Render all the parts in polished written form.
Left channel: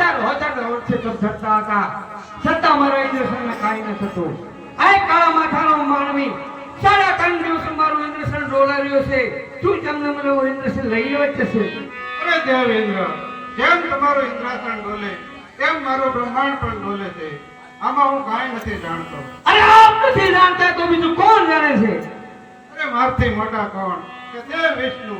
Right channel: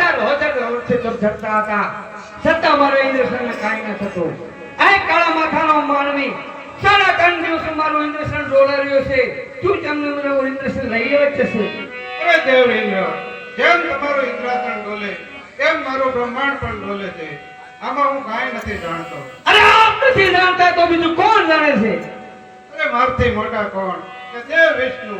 હજાર વર્ષથી ચડતા હતા છતાં મારા ઇન્દ્રસનને કાંઈ ન થતું. આ કાળા માથાનો માનવી 3.5 દિવસ મારું ઇન્દ્રસન ડોલાર્યો છે. તું તમને મને ઇન્દ્રસન લઈ લેવા જ છે. અરે દેવ ઇન્દ્ર, જેમ તમારું ઇન્દ્રાસન ડોલે એમ મારું બ્રહ્માંડ પણ ડોલે છે. આમાં હું કાંઈ નથી જાણતો. અરે આપ નથી જાણતા તો બીજું કોણ જાણે છે? અરે મારથી મોટા કોણ કે દેવ વિષ્ણુ,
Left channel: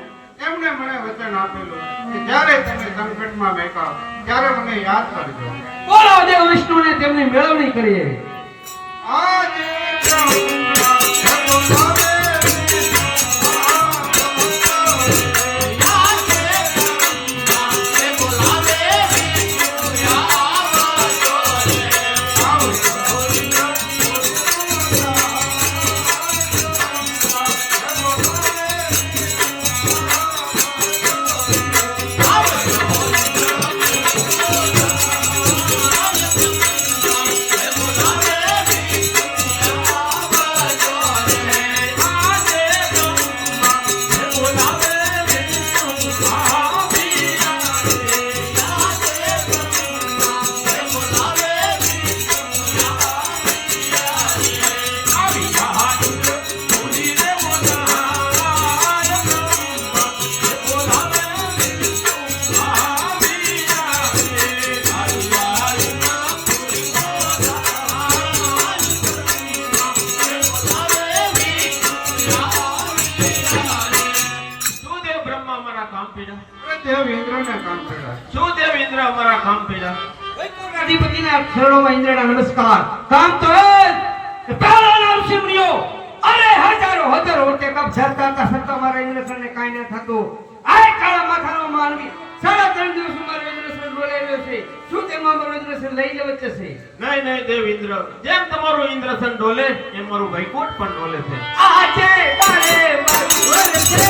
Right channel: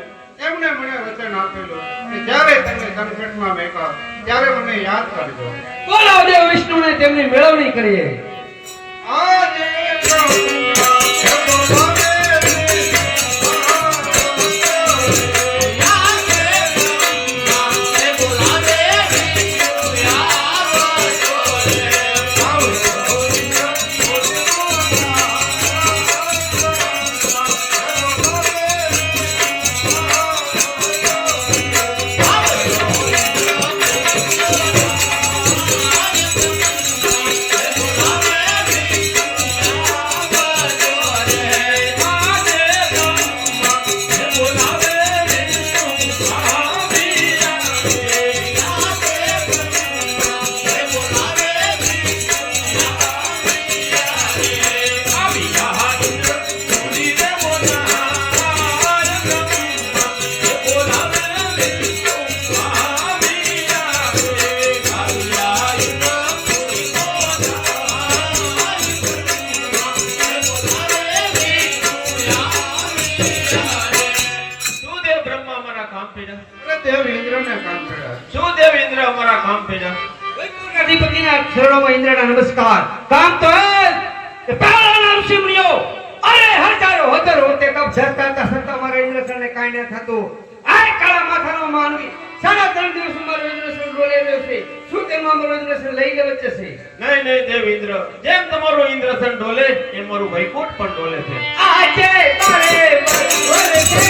એમણે મને વચન આપેલું કે જ્યારે તમે સંકટમાં મેકાવ ત્યારે મને યાદ કરજો. બોલો દેવ વિષ્ણુને તેમની મેળવણી કરીએ. આદિ બ્રહ્મા દેવ ઇન્દ્રને કામ પડ્યા. શું દેવ ઇન્દ્ર અમારા કામ પીડા? અધિપતિના ચરણોમાં ઇન્દ્રના નમસ્કાર. કામ તો એ કે પહેલા નામ શિવનિયો. અરે હજારો વર્ષે કપ જતા હતા છતાં મારા ઇન્દ્રસનને કાંઈ ન થતું. આ કાળા માથાનો માનવી 3.5 દિવસ મારો ઇન્દ્રસન ડોલાવ્યો છે. શું તેમાં મારો ઇન્દ્રસન લઈ લેવો જ છે? નહીં નહીં દેવ ઇન્દ્ર, જેમ તમારું ઇન્દ્રસન ડોલે એમ મારું વૈકુંઠ પણ ડોલે છે. આજે તારે બરોબર છે.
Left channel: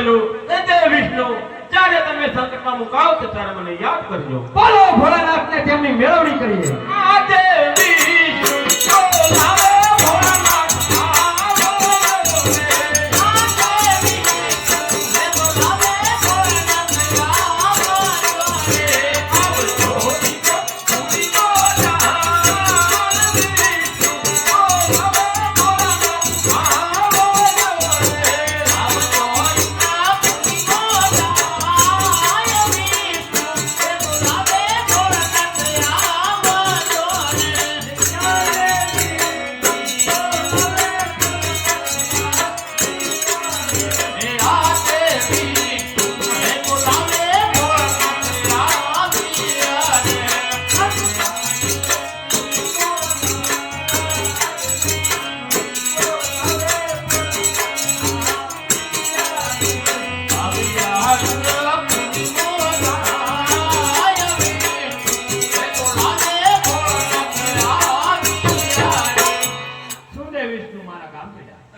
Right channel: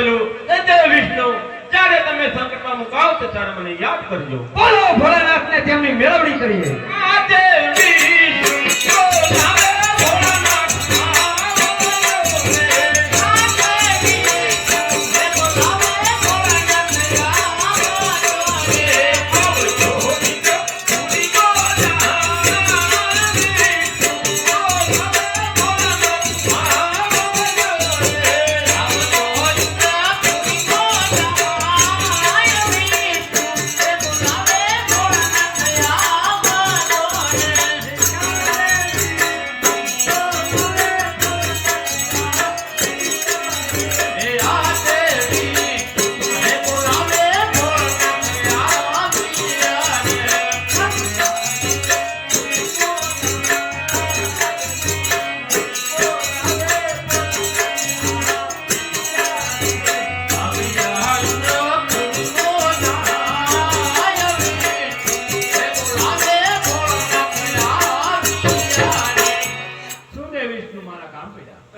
આપેલું એ દેવ વિષ્ણુ જ્યારે તમે સંકટમાં મુકાવ તો ત્યારે મને યાદ કરજો. બોલો ભોળાનાથને તેમની મેળવણી કરીએ. આ દેવ વિષ્ણુ બોલાવે ભોળાનાથ આવો રે. આ દેવ વિષ્ણુ બોલાવે ભોળાનાથ આવો રે. આવજો વિષ્ણુ પૂરી બોલા વિષ્ણુ બોલાવે ભોળાનાથ આવો રે. આવજો વિષ્ણુ પૂરી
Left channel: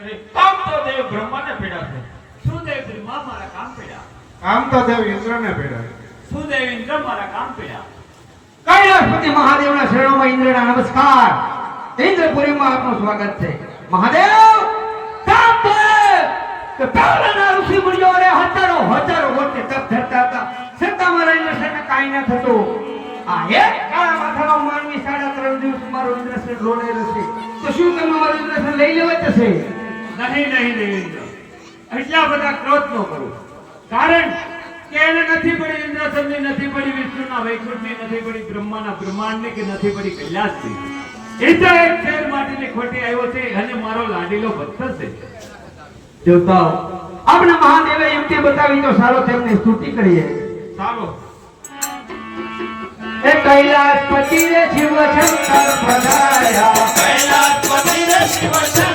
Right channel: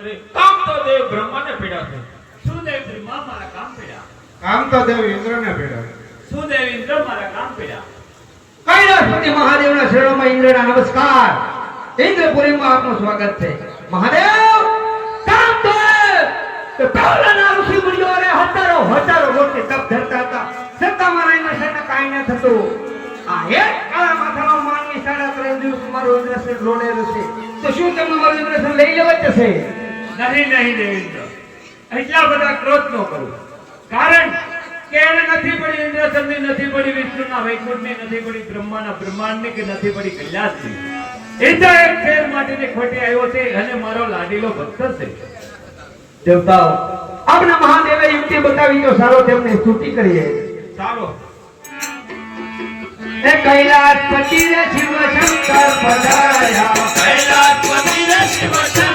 અરે કામ તો દેવ બ્રહ્માને પીડા છે. કામ તો દેવ ઇન્દ્રને ભેળા કૈલાસપતિ મહાદેવના શરણોમાં ઇન્દ્રના નમસ્કાર. ઇન્દ્રપુરીમાં આપનું સ્વાગત છે. મહાદેવ કામ તો કે પહેલાના ઋષિ મુનિઓ રે હજારો મોટી તપ ધરતા હતા. છતાં મારા ઇન્દ્રસેનને કાંઈ ન થતું. આ એક કાળા માથાનો માનવી 3.5 દિવસ મારું ઇન્દ્રસેન રોડેલું છે. તો શું તમે મારું ઇન્દ્રસેન લઈ લેવા જશે? નહીં દેવેન્દ્ર, એટલા બધા ક્રોધ ન કરો. કારણ કે એને નથી પડી ઇન્દ્રસનની, નથી પડી વિષ્ણુના વૈકુંઠની, નથી પડી બ્રહ્માના બ્રહ્માંડની, કે નથી પડી કૈલાસની. ઇન્દ્ર એક ફેર માટેની ખોટે આવ્યો છે અને મારો લાડીલો ભક્ત છે. દેવતાઓ આપણા મહાદેવે યુક્તિ બતાવી તો સારો તેમને સ્તુતિ કરીએ. સારો એ કૈલાસપતિ રે શિવ શંકર પધાર્યા. કૈલાસપતિ રે શિવ શંકર